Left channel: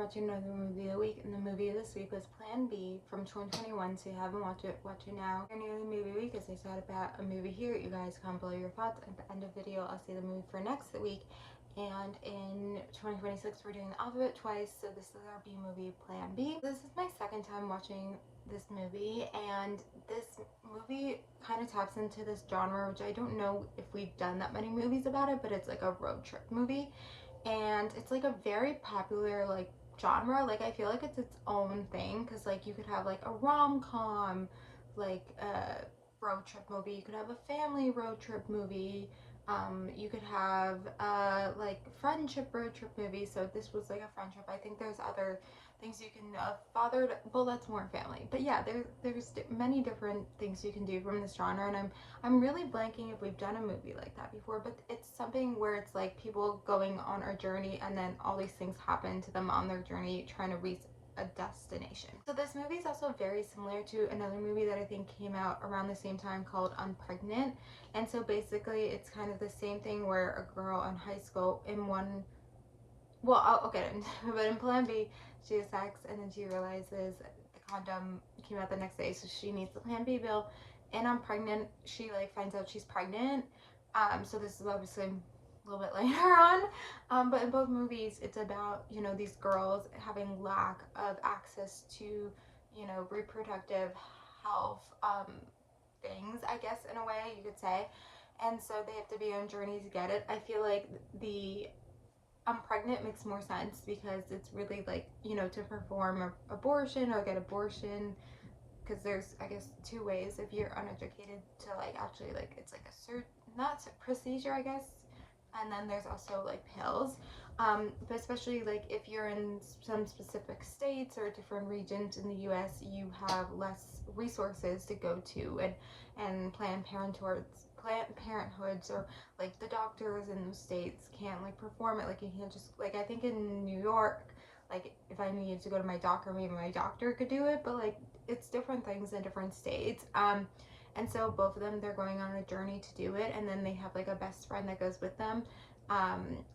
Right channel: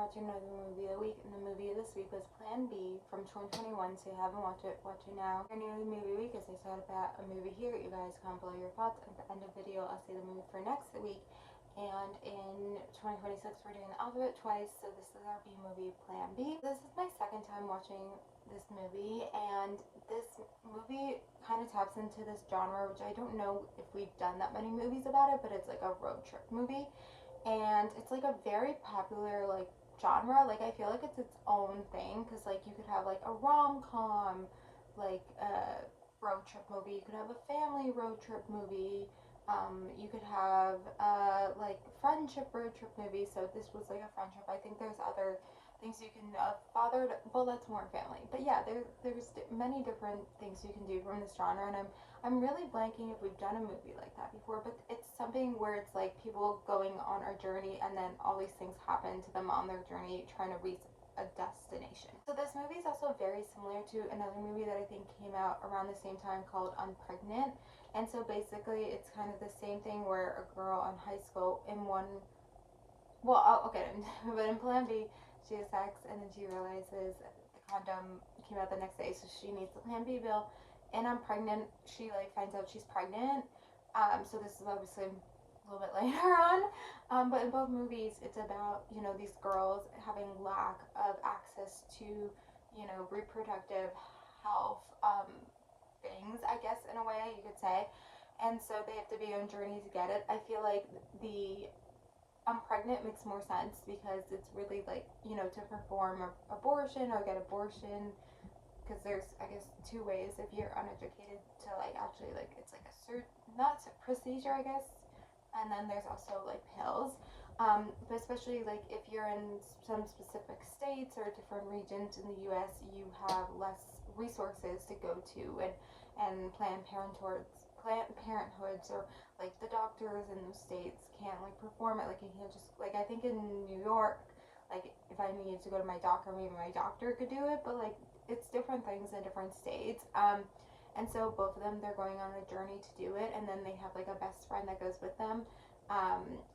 watching another movie of the week, and the movie this week was Plan B from 2021, so if you haven't watched it, watch it now. If you're new to the movie week, as I said about a movie here, you guys comment below your thoughts. At the end of the video, I'll see the movie for next week, and in 2026, we're doing the alphabet twice, so this is our B movie, Plan B. This is my second time watching this movie, and this movie kind of taps into this genre, which I don't know if we've done that many movies about it, but it's like a road trip movie. And it's like a very popular like genre. Like I feel like it's its own thing, because like you could have like a rom-com, like a road trip movie, you could have a family road trip movie, you could have like friendship road trip movie. So this was like a friendship. I think there's other things you can father, well, that's more family, but yeah, there's many different things you can do from this genre, and I'm really blanking if we've done a movie like that before, but it's something where it's like people going on a journey and then all these things happen to them on their journey trying to reach a destination. So this movie is also very similar to another movie that I think came out around the same time called Unpregnant. And so basically it's kind of the same thing where a girl in high school in one, well, I'll get into it, but in Plan B, she has sex and then she realizes the condom came out the next day, so she needs the Plan B pill. And I'm pregnant. She like finds out she's pregnant. So this is obviously a little bit later on. But in both movies, it's about, you know, these girls having lack of access to, you know, reproductive health things, I guess, in a way you could say. And so they have to be on journeys to get it. I feel like the I'm pregnant makes more sense because it's really like, you know, to perform an abortion or get abortion, because there's, I guess, two ways if you're uneducated to like actually like it's like a not procedure, I guess, and then there's also like pills. But especially like if you're in some specific states or different regions in the US, you have less resources to go to, and Planned Parenthoods or like the doctors in those states can't like perform it. Like you can't just like, I think in New York, like if I needed to go to my doctor, maybe my doctor could do it, but like it's different things in different states. And so both of them, they're going on a journey to do it, and then they have like a best friend that goes with them.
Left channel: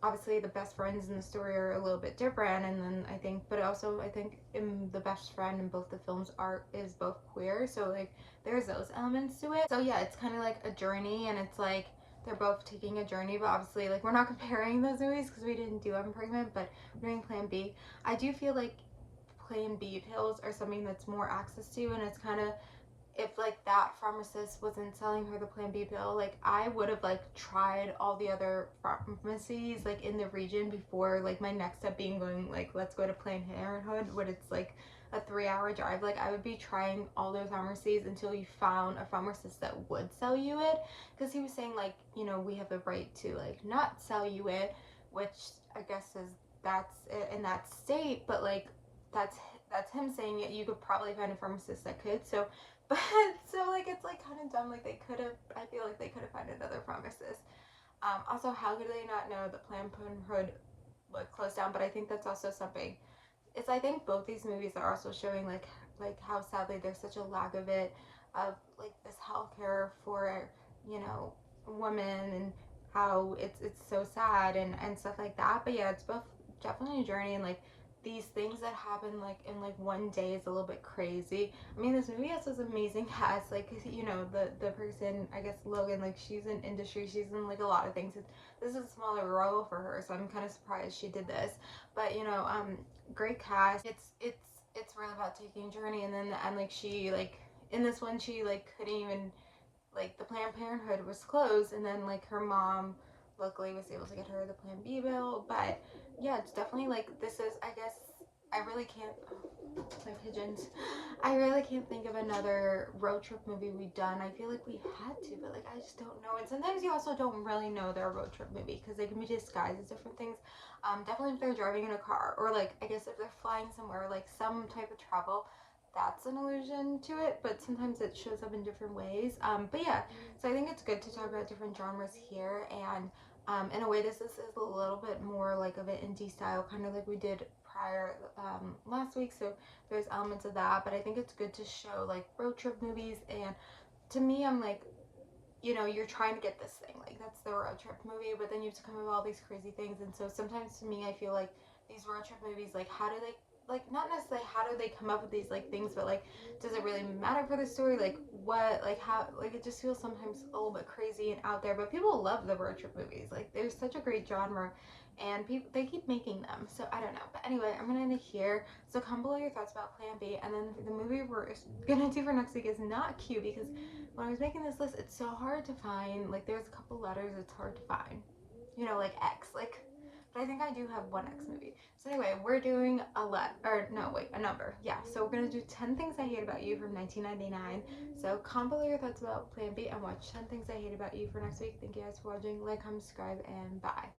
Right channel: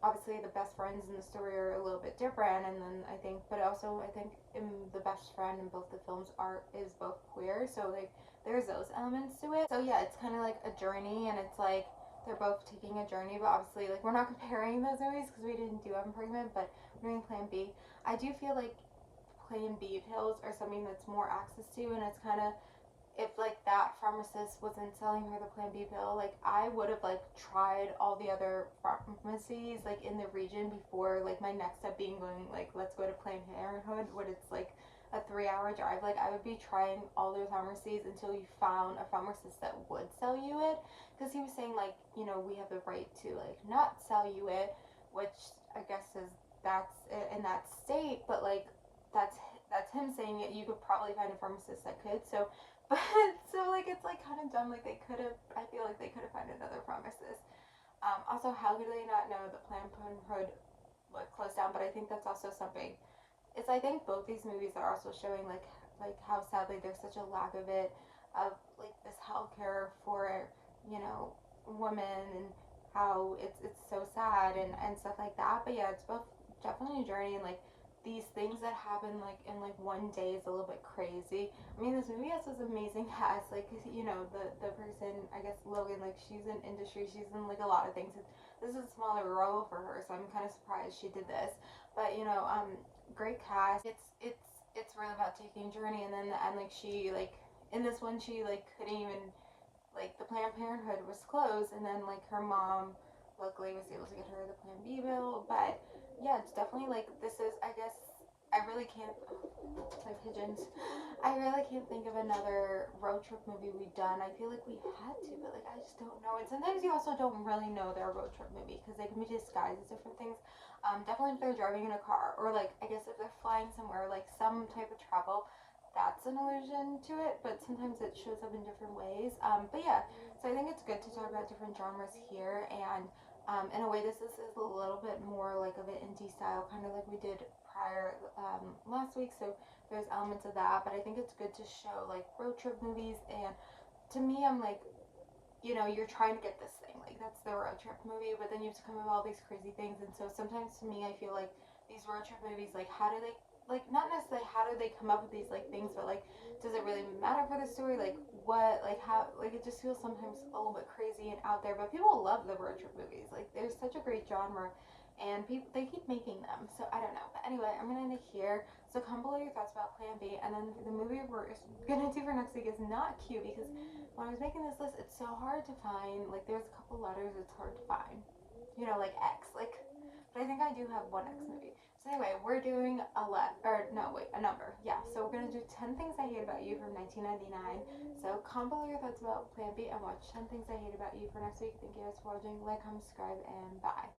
Obviously the best friends in the story are a little bit different, and then I think, but also I think in the best friend in both the films is both queer, so like there's those elements to it. So yeah, it's kind of like a journey, and it's like they're both taking a journey, but obviously like we're not comparing those movies because we didn't do I'm Pregnant, but we're doing Plan B. I do feel like Plan B pills are something that's more access to, and it's kind of, if like that pharmacist wasn't selling her the Plan B pill, like I would have like tried all the other pharmacies like in the region before like my next step being going like let's go to Planned Parenthood, when it's like a 3-hour drive. Like I would be trying all those pharmacies until you found a pharmacist that would sell you it, because he was saying like, you know, we have the right to like not sell you it, which I guess is that's it in that state, but like that's him saying it. You could probably find a pharmacist that could. So but so like it's like kind of dumb. Like they could have. I feel like they could have found another pharmacist. Also, how could they not know that Planned Parenthood would close down? But I think that's also something. It's, I think both these movies are also showing like how sadly there's such a lack of it, of like this healthcare for, you know, women, and how it's so sad and stuff like that. But yeah, it's both definitely a journey, and like these things that happen like in like one day is a little bit crazy. I mean, this movie has this amazing cast, like, you know, the person, I guess Logan, like she's in industry, she's in like a lot of things. This is a smaller role for her, so I'm kind of surprised she did this. But you know, great cast. It's really about taking a journey, and then and like she like in this one she like couldn't even, like the Planned Parenthood was closed, and then like her mom luckily was able to get her the Plan B bill. But yeah, it's definitely like, this is, I guess, I really can't, oh, my pigeons, I really can't think of another road trip movie we've done. I feel like we had to, but like I just don't know. And sometimes you also don't really know they're a road trip movie because they can be disguised as different things. Definitely if they're driving in a car, or like I guess if they're flying somewhere, like some type of travel, that's an allusion to it, but sometimes it shows up in different ways. But yeah, so I think it's good to talk about different genres here, and in a way this is a little bit more like of an indie style, kind of like we did prior last week, so there's elements of that, but I think it's good to show like road trip movies, and to me, I'm like, you know, you're trying to get this thing, like that's the road trip movie, but then you have to come up with all these crazy things, and so sometimes to me I feel like these road trip movies, like how do they, like not necessarily how do they come up with these like things, but like does it really matter for the story? Like what, like how, like it just feels sometimes a little bit crazy and out there, but people love the road trip movies. Like they're such a great genre, and people, they keep making them. So I don't know. But anyway, I'm gonna end it here. So comment below your thoughts about Plan B, and then the movie we're gonna do for next week is not Q, because when I was making this list, it's so hard to find. Like there's a couple letters it's hard to find. You know, like X, like. But I think I do have one X movie. So anyway, we're doing a number. Yeah, so we're gonna do 10 Things I Hate About You from 1999. So comment below your thoughts about Plan B and watch 10 Things I Hate About You for next week. Thank you guys for watching. Like, comment, subscribe, and bye.